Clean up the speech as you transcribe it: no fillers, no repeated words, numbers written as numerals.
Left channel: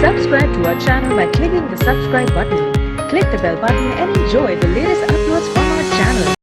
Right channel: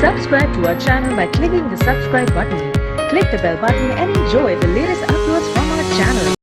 Subscribe to our channel by clicking the subscribe button. Click the bell button and enjoy the latest uploads from our channel.